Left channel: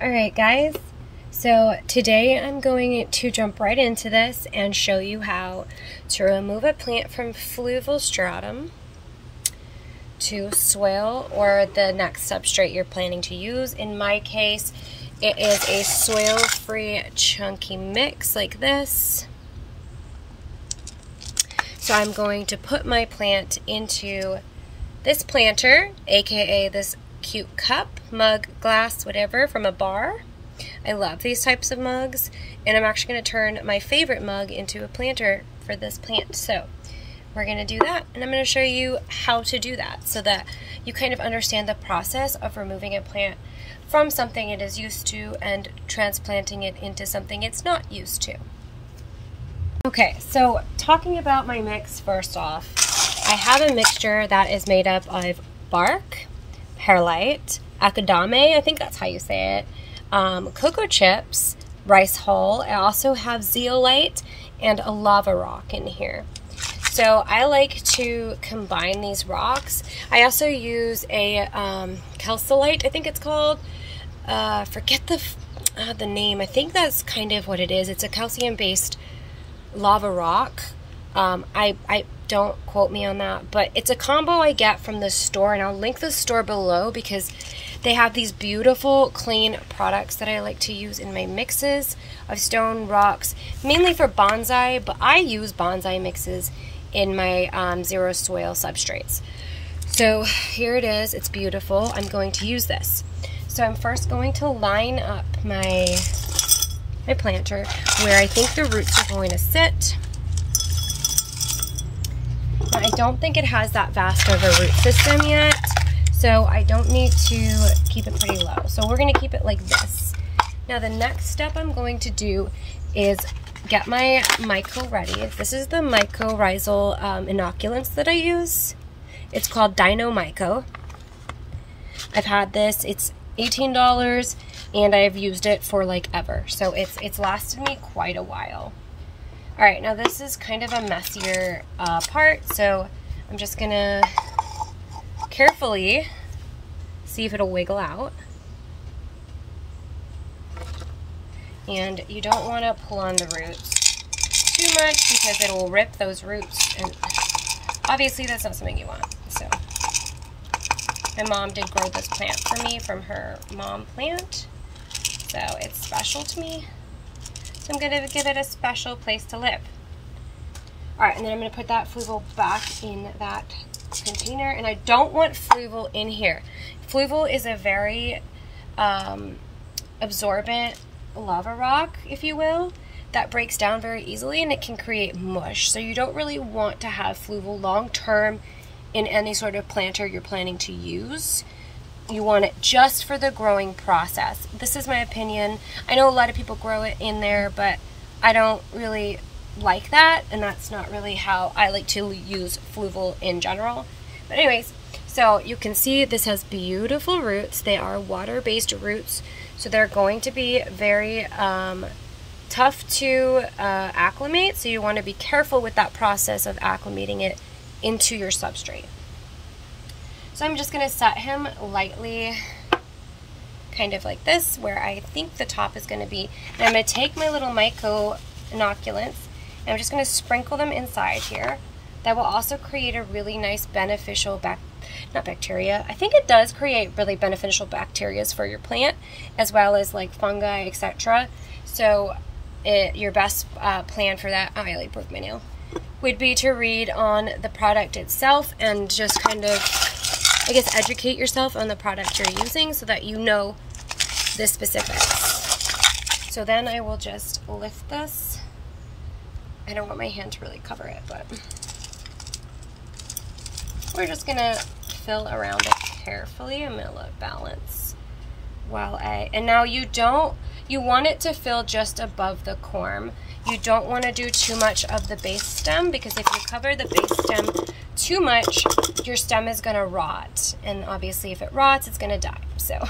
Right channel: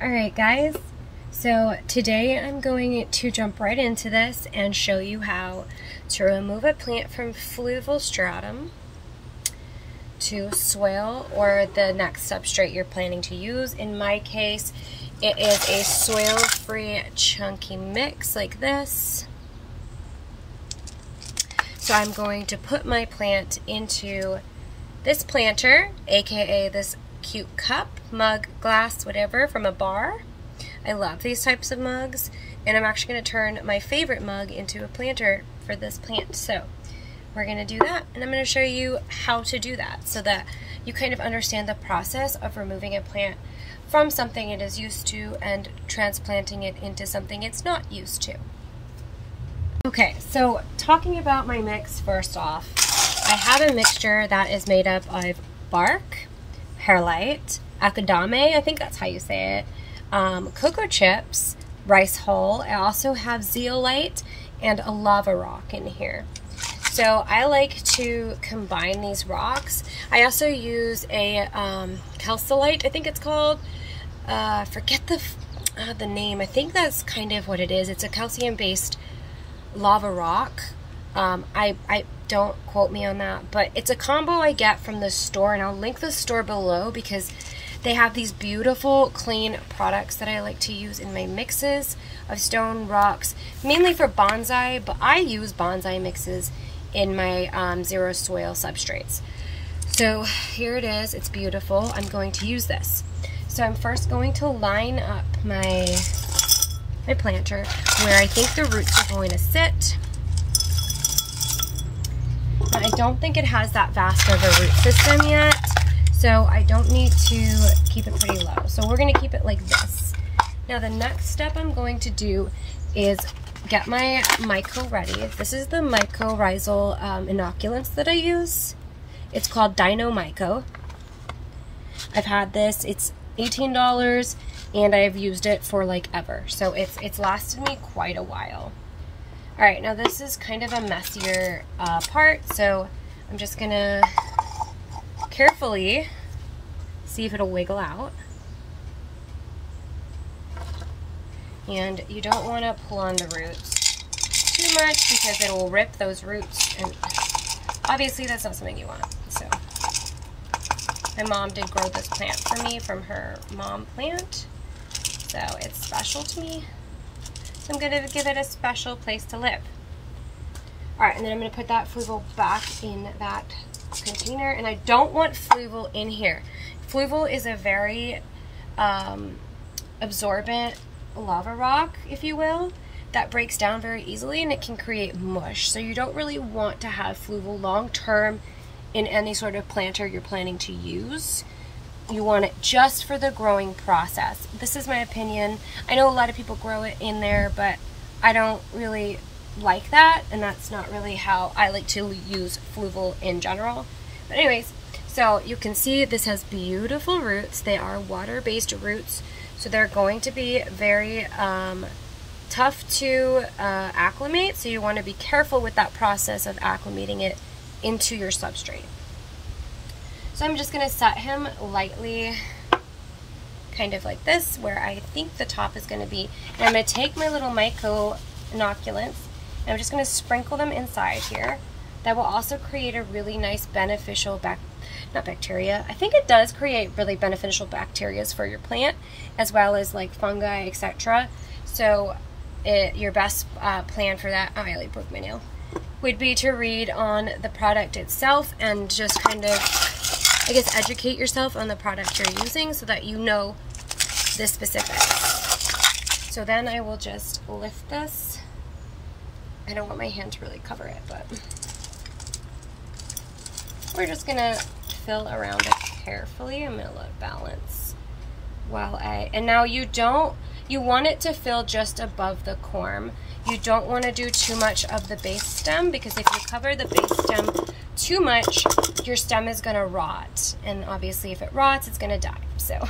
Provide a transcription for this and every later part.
Alright guys, so today I'm going to jump right into this and show you how to remove a plant from Fluval Stratum to soil or the next substrate you're planning to use. In my case, it is a soil-free chunky mix like this. So I'm going to put my plant into this planter, aka this cute cup, mug, glass, whatever, from a bar. I love these types of mugs, and I'm actually going to turn my favorite mug into a planter for this plant. So we're going to do that, and I'm going to show you how to do that so that you kind of understand the process of removing a plant from something it is used to and transplanting it into something it's not used to. Okay, so talking about my mix first off, I have a mixture that is made up of bark, perlite, akadame, I think that's how you say it, cocoa chips, rice hull. I also have zeolite and a lava rock in here. So I like to combine these rocks. I also use a calcite, I think it's called. Forget the name. I think that's kind of what it is. It's a calcium-based lava rock. I don't quote me on that, but it's a combo I get from the store, and I'll link the store below because they have these beautiful clean products that I like to use in my mixes of stone rocks, mainly for bonsai, but I use bonsai mixes in my zero soil substrates. So here it is. It's beautiful. I'm going to use this. So I'm first going to line up my planter where I think the roots are going to sit. But I don't think it has that vast of a root system yet, so I don't need to keep it pretty low. So we're going to keep it like this. Now the next step I'm going to do is get my myco ready. This is the mycorrhizal inoculants that I use. It's called Dino Myco. I've had this. It's $18 and I've used it for like ever. So it's lasted me quite a while. Alright, now this is kind of a messier part, so I'm just gonna carefully see if it'll wiggle out. And you don't want to pull on the roots too much because it'll rip those roots, and obviously that's not something you want. So my mom did grow this plant for me from her mom plant, so it's special to me. So I'm going to give it a special place to live. Alright, and then I'm going to put that Fluval back in that container, and I don't want Fluval in here. Fluval is a very absorbent lava rock, if you will, that breaks down very easily, and it can create mush. So you don't really want to have Fluval long term in any sort of planter you're planning to use. You want it just for the growing process. This is my opinion. I know a lot of people grow it in there, but I don't really like that, and that's not really how I like to use Fluval in general. But anyways, so you can see this has beautiful roots. They are water-based roots, so they're going to be very tough to acclimate, so you want to be careful with that process of acclimating it into your substrate. So I'm just going to set him lightly, kind of like this, where I think the top is going to be. And I'm going to take my little myco inoculants, and I'm just going to sprinkle them inside here. That will also create a really nice beneficial, not bacteria, I think it does create really beneficial bacteria for your plant, as well as like fungi, etc. So your best plan for that, oh, I like broke my nail, would be to read on the product itself and just kind of, I guess, educate yourself on the product you're using so that you know the specifics. So then I will just lift this. I don't want my hand to really cover it, but we're just gonna fill around it carefully. I'm gonna let balance while and now you want it to fill just above the corm. You don't want to do too much of the base stem, because if you cover the base stem too much, your stem is going to rot, and obviously if it rots, it's going to die. So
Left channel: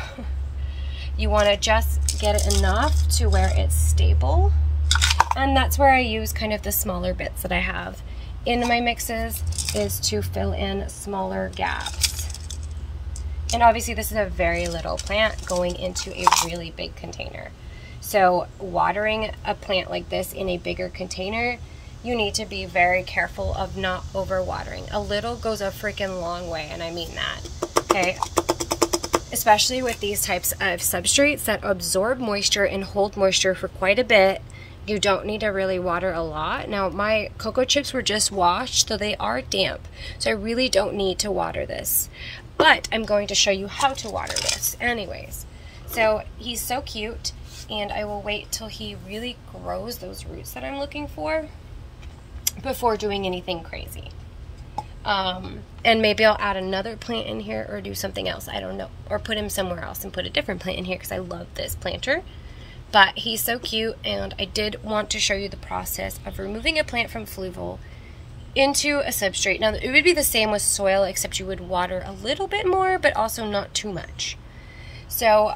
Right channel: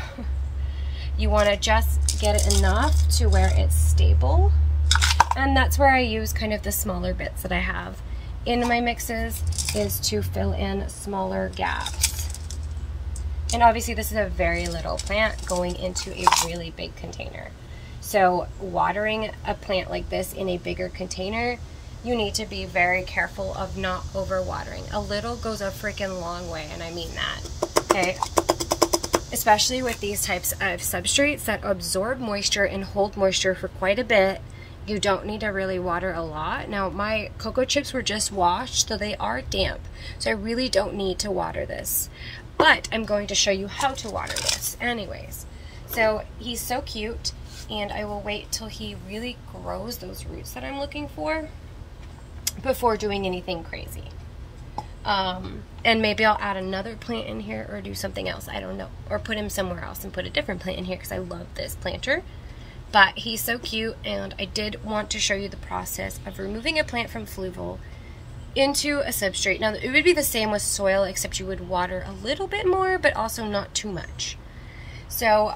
you want to just get it enough to where it's stable, and that's where I use kind of the smaller bits that I have in my mixes, is to fill in smaller gaps. And obviously this is a very little plant going into a really big container. So watering a plant like this in a bigger container, you need to be very careful of not overwatering. A little goes a freaking long way, and I mean that, okay? Especially with these types of substrates that absorb moisture and hold moisture for quite a bit. You don't need to really water a lot. Now, my cocoa chips were just washed, so they are damp. So I really don't need to water this. But I'm going to show you how to water this anyways. So he's so cute, and I will wait till he really grows those roots that I'm looking for before doing anything crazy. And maybe I'll add another plant in here or do something else. I don't know. Or put him somewhere else and put a different plant in here because I love this planter. But he's so cute, and I did want to show you the process of removing a plant from Fluval into a substrate. Now, it would be the same with soil, except you would water a little bit more, but also not too much. So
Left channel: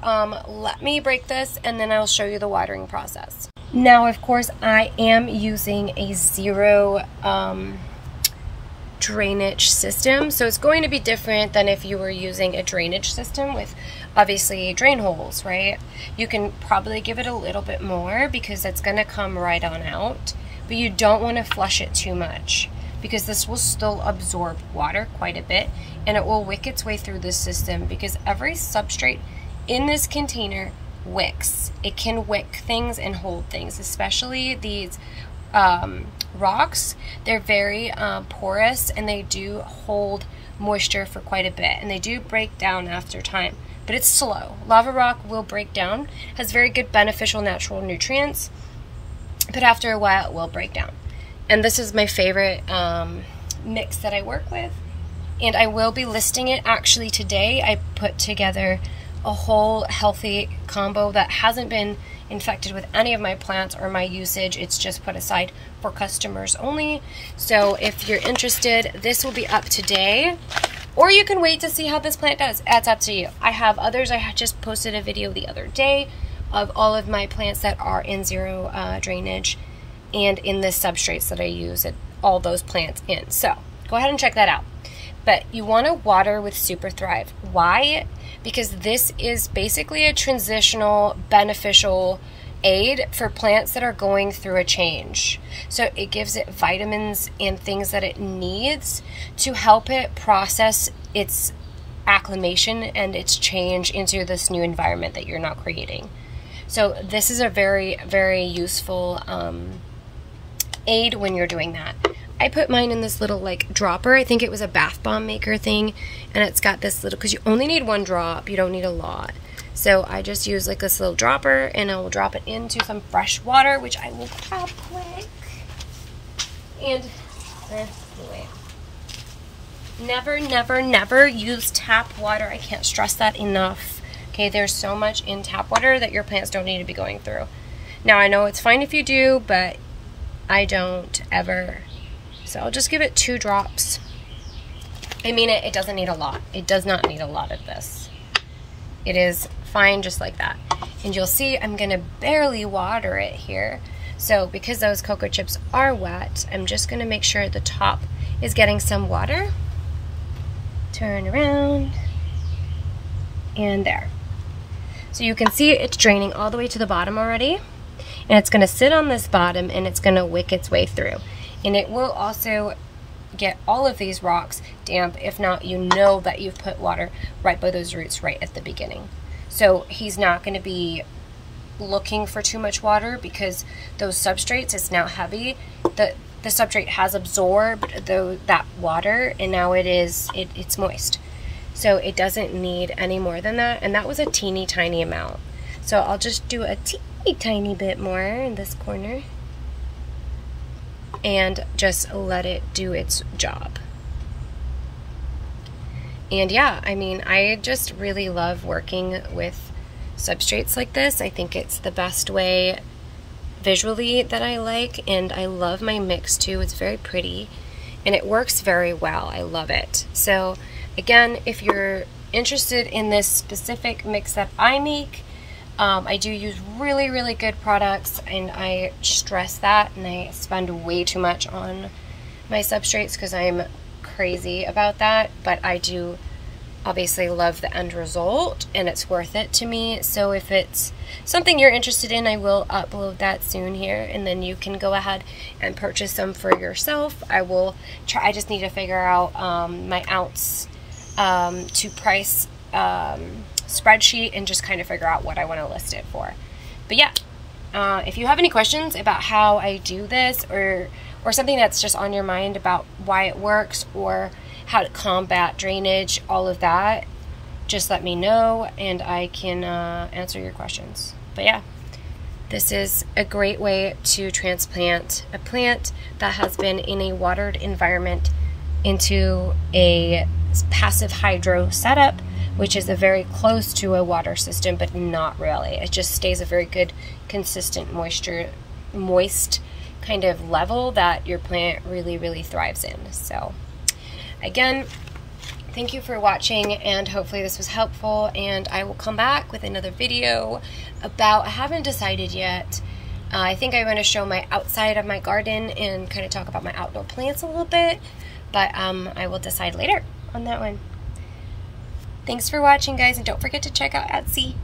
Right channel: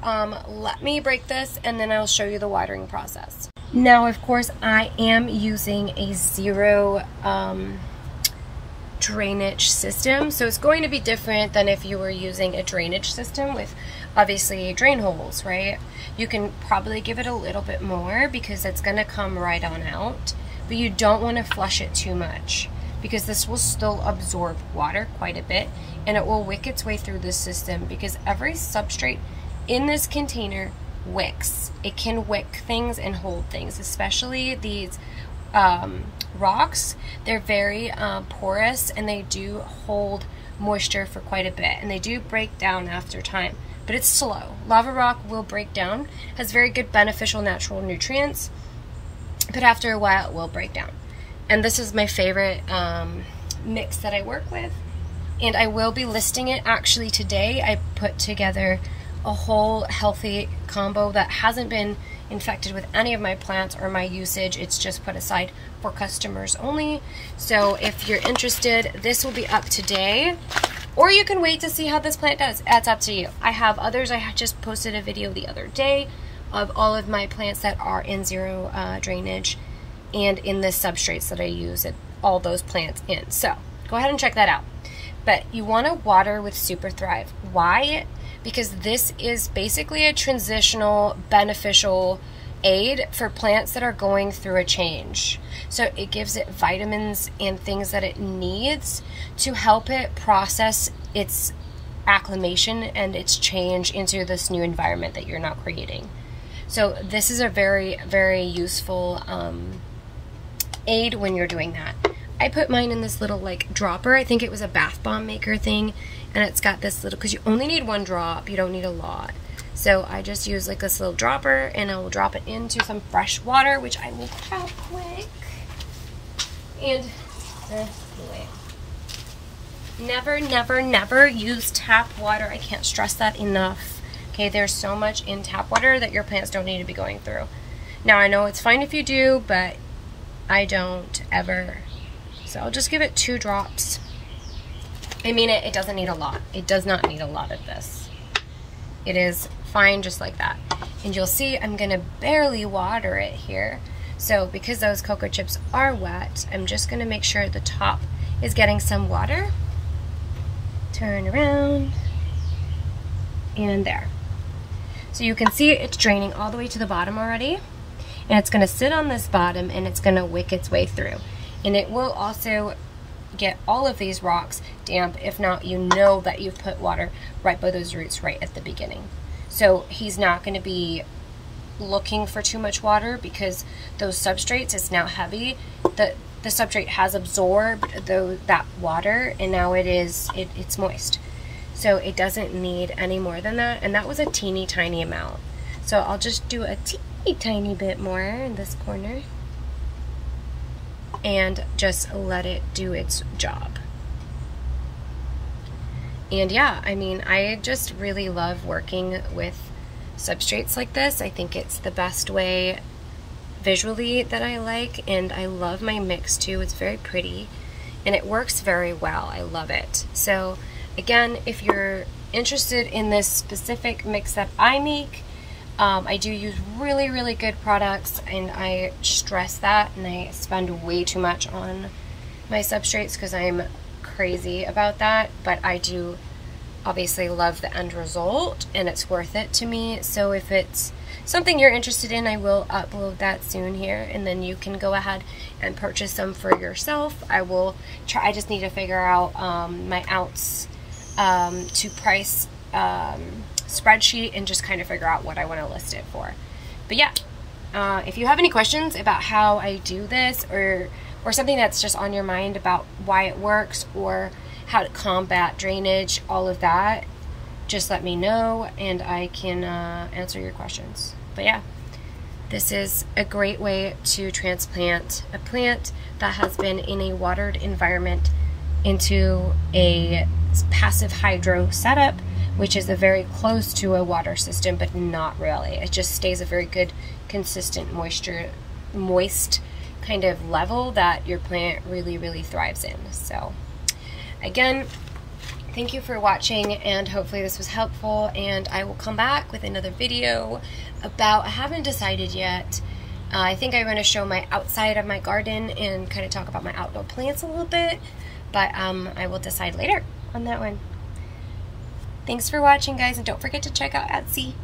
let me break this, and then I'll show you the watering process. Now, of course, I am using a zero drainage system, so it's going to be different than if you were using a drainage system with obviously drain holes, right? You can probably give it a little bit more because it's going to come right on out, but you don't want to flush it too much because this will still absorb water quite a bit, and it will wick its way through this system because every substrate in this container wicks. It can wick things and hold things, especially these rocks. They're very porous, and they do hold moisture for quite a bit, and they do break down after time, but it's slow. Lava rock will break down, has very good beneficial natural nutrients, but after a while it will break down. And this is my favorite mix that I work with, and I will be listing it actually today. I put together a whole healthy combo that hasn't been infected with any of my plants or my usage. It's just put aside for customers only. So if you're interested, this will be up today, or you can wait to see how this plant does. That's up to you. I have others. I just posted a video the other day of all of my plants that are in zero drainage and in the substrates that I use all those plants in. So go ahead and check that out. But you want to water with Super Thrive. Why? Because this is basically a transitional beneficial aid for plants that are going through a change. So it gives it vitamins and things that it needs to help it process its acclimation and its change into this new environment that you're now creating. So this is a very, very useful aid when you're doing that. I put mine in this little like dropper. I think it was a bath bomb maker thing, and it's got this little, because you only need one drop, you don't need a lot. So I just use like this little dropper, and I will drop it into some fresh water, which I will tap quick. And anyway, never, never, never use tap water. I can't stress that enough. Okay, there's so much in tap water that your plants don't need to be going through. Now I know it's fine if you do, but I don't ever. So I'll just give it 2 drops. I mean, it doesn't need a lot. It does not need a lot of this. It is fine just like that. And you'll see I'm gonna barely water it here. So because those cocoa chips are wet, I'm just gonna make sure the top is getting some water. Turn around, and there. So you can see it's draining all the way to the bottom already. And it's gonna sit on this bottom, and it's gonna wick its way through. And it will also get all of these rocks damp. If not, you know that you've put water right by those roots right at the beginning. So he's not going to be looking for too much water because those substrates, it's now heavy. The substrate has absorbed that water, and now it's moist. So it doesn't need any more than that. And that was a teeny tiny amount. So I'll just do a teeny tiny bit more in this corner, and just let it do its job. And yeah, I mean, I just really love working with substrates like this. I think it's the best way visually that I like, and I love my mix too. It's very pretty, and it works very well. I love it. So again, if you're interested in this specific mix that I make, I do use really, really good products, and I stress that, and I spend way too much on my substrates because I'm crazy about that, but I do obviously love the end result and it's worth it to me. So if it's something you're interested in, I will upload that soon here, and then you can go ahead and purchase them for yourself. I will try. I just need to figure out my ounce to price spreadsheet and just kind of figure out what I want to list it for. But yeah, if you have any questions about how I do this, or something that's just on your mind about why it works or how to combat drainage, all of that, just let me know and I can answer your questions. But yeah, this is a great way to transplant a plant that has been in a watered environment into a passive hydro setup, which is a very close to a water system, but not really. It just stays a very good, consistent moist kind of level that your plant really, really thrives in. So again, thank you for watching, and hopefully this was helpful, and I will come back with another video about, I haven't decided yet. I think I'm going to show my outside of my garden and kind of talk about my outdoor plants a little bit, but I will decide later on that one. Thanks for watching, guys, and don't forget to check out Etsy.